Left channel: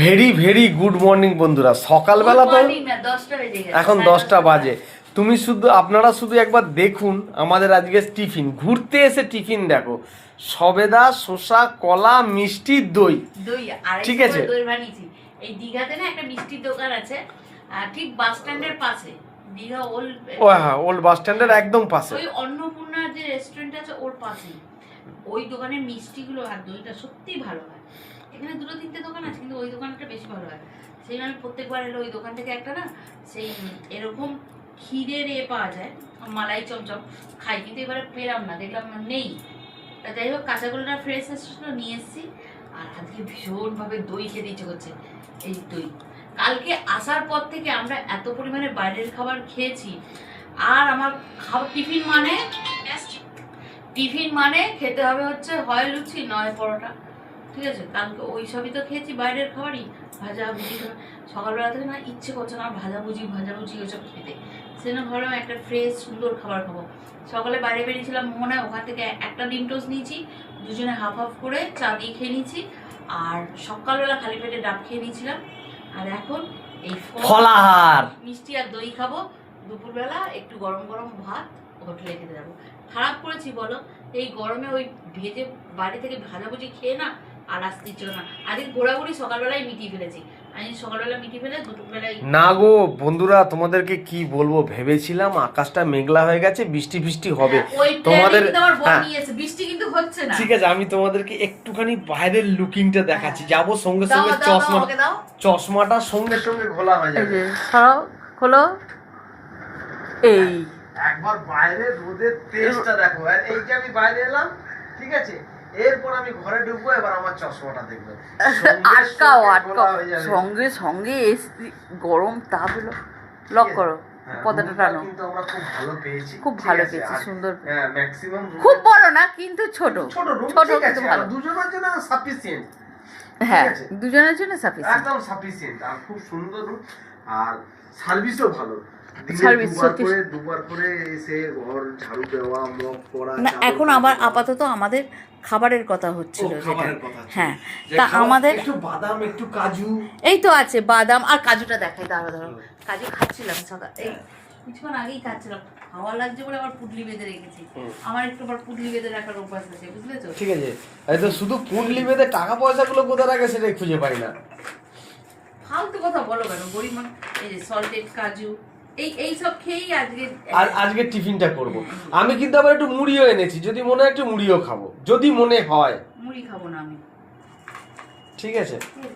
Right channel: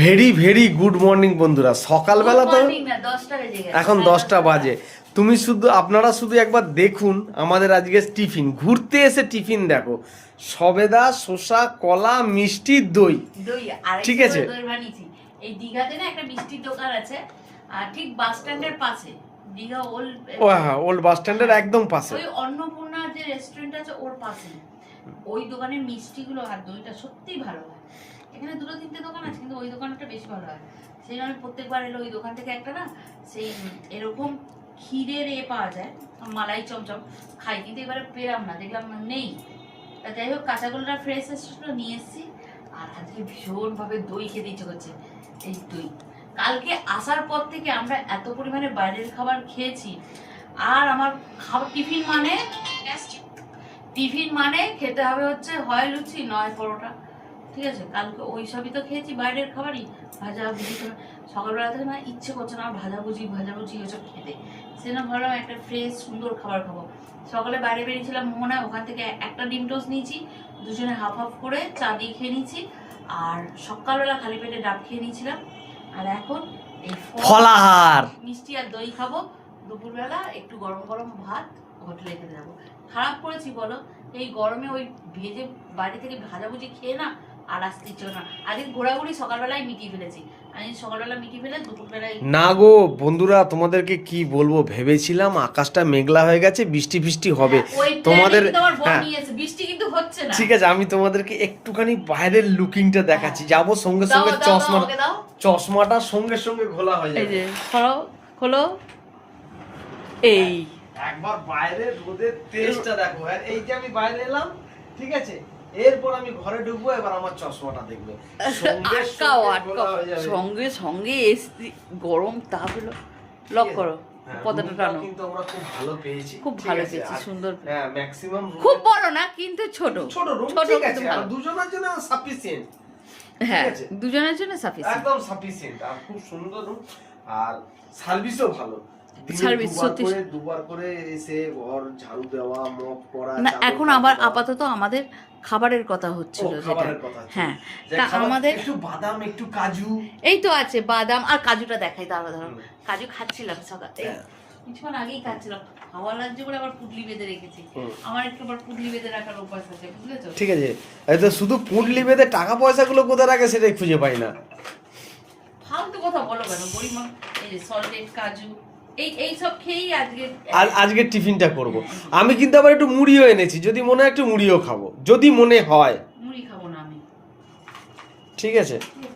Very very good morning বন্ধুরা। সকালবেলা তো এখন 10টা বাজে। আপনারা শুধু একবার দেখুন আমাদের আজকে টিফিন, ঘুরতে এসে টিফিন দেখো, সবেদা, শসা, কলা, মিষ্টি, দই। ঠিক আছে, দই বানিয়েছি। এই দীঘাতে না একটা মিষ্টির দোকান আছে, ঠিক বাস স্ট্যান্ডের পাশে, দীঘা ওল্ড। ও হ্যাঁ, ওল্ড বাস স্ট্যান্ডের একদম পাশে ওই অন্নপূর্ণা যে রেস্টুরেন্ট আছে ওর পাশে। ওই দোকানের মিষ্টিগুলো আর দইটা সত্যিই ভালো হয়। এখানে দুটো তিনটে দোকান আছে, কিন্তু ওই দোকানটা বেশি ভালো হয়। সেই আমি প্রত্যেকবার এলে ওই দোকান থেকে একটা না সেই এরকম ক্ষীরের পাওয়া যায়, মালাই চমচম খাই, কিন্তু এবারে পেলাম না, দেখলাম না নেই। যাই হোক, কাঁচাগোলটা ফ্রেশ এসেছিল, নিয়ে এসেছি। আর আজকে ভীষণভাবে দই খেতে ইচ্ছে করছে। এই দই কালকে আসার পর থেকে আমরা এত পরিমাণে বাইরের খাবার খেয়েছি। আর আমার খাবার টিফিন মানে খেতে হবে হচ্ছে হয় লুচি নয় পরোটা। ঠিক আছে, কালকে ওই সবই তো খেয়েছি, বাইরের খাবারই। ভাজাভুজি সকালবেলা থেকে না ইচ্ছে করছে না ভাজাভুজি ওইসব খেতে। সেজন্য ভাবলাম একটা ফ্রেশ সুন্দর খাবার খাবো। সকালে বাইরে বেরিয়েছিলাম মোহনায়, ওখান থেকে একটা ডিম টোস্ট নিয়েছি, দুজনে হাফ হাফ করে চা দিয়ে খেয়ে নিয়েছি। আর সকালবেলা খালি পেটে ডাব খেয়ে নিয়েছিলাম। আর এখন এই ফলাহার, মিষ্টি আর দই খাবো। দুপুরবেলা একটু গরম গরম ভাত হোটেলে খেতে যাবো। খারাপ করেছি বলো, এই গরমে ওই ভেজে বাড়ি থেকে ভাজাভুজি খেয়ে না আর আসতে ইচ্ছে না। আজকে ঘোরাঘুরি সকালবেলায় মিটিয়ে ফেলেছি। আমি সকালবেলা মিটিয়ে ফেলে দুপুরবেলায় না গো বন্ধুরা, তোমাদেরকে কি বলবো, ভেবেছিলাম আকাশটা মেঘলা হয়ে গেছে, বৃষ্টি ফিষ্টি হবে। তোমাদের বৃষ্টি কিন্তু হচ্ছে না। ঠিক আছে, আমি তোমাদেরকে একটুখানি বাইরের লুকিংটা দেখাচ্ছি। যাবো সঙ্গে সঙ্গে চশমাটা সঙ্গে সঙ্গে খোলা হয়ে যাবে। খোলো, এই একবার বাইরে রোদের তেজটা দেখো। আর এই যে আমি বাইরে এলাম, ঠিক আছে, এরপর আমি ঘরে ঢুকবো, এবার আমার চশমাটা দেখবে সঙ্গে সঙ্গে এসি গরম তাপ হলো। লক করো, পর্দাটা টানো। কিন্তু আমরা খুব ভালো পেয়েছি, খুব ভালো পেয়েছি, সুন্দর। হ্যাঁ, ম্যাক্সিমাম খুব বড় না কিন্তু ছোট রুম, ছোট ঠিক কিন্তু আছে, ভালো। দুজনের জন্য সাফিসিয়েন্ট। হ্যাঁ, দুজনের জন্য সাফিসিয়েন্ট, একদম সাফিসিয়েন্ট। আর খুব সুন্দর রুম, আর সার্ভিসও ভালো। সার্ভিস সত্যি দুবার করে এসে ঘর ঝাড়ু দেওয়া, মপ করা। না, এখন আবার আপাতত আমাদের খাবারের কথা হচ্ছিল, যেটা হ্যাঁ, তা আমাদের একটু বাদাম, একটু কাজু, এই তো আছে বাদাম আর কাজুটা দেখাই। ধরো কাজু খাচ্ছিলাম সকাল, এই কিছুক্ষণ আগেই খাচ্ছিলাম। হাওয়া লাগছে বলে আবার পুটলি বেঁধে রেখেছি। আমার একটু আবার পুটলি বেঁধে রাখার অভ্যাস আছে, বুঝলেছো? ঠিক আছে, এই তো শুধু পুটলি বেঁধে টাকা পয়সাগুলো কোথায় রাখে সেটাই খুঁজে পাই না। ফালতু কথা বলো কেন, গরিব মানুষ। এই যে সল্টেড কাজু, এই সব খেয়েই আজকে টিফিনটা করব। আমি কিন্তু আবার একটু মুড়িও এনেছি, যদি মনে হয় একটু মুড়িও খাবো, যদি মনে হয়। মুড়ি খাবো না আমি, ঠিক আছে।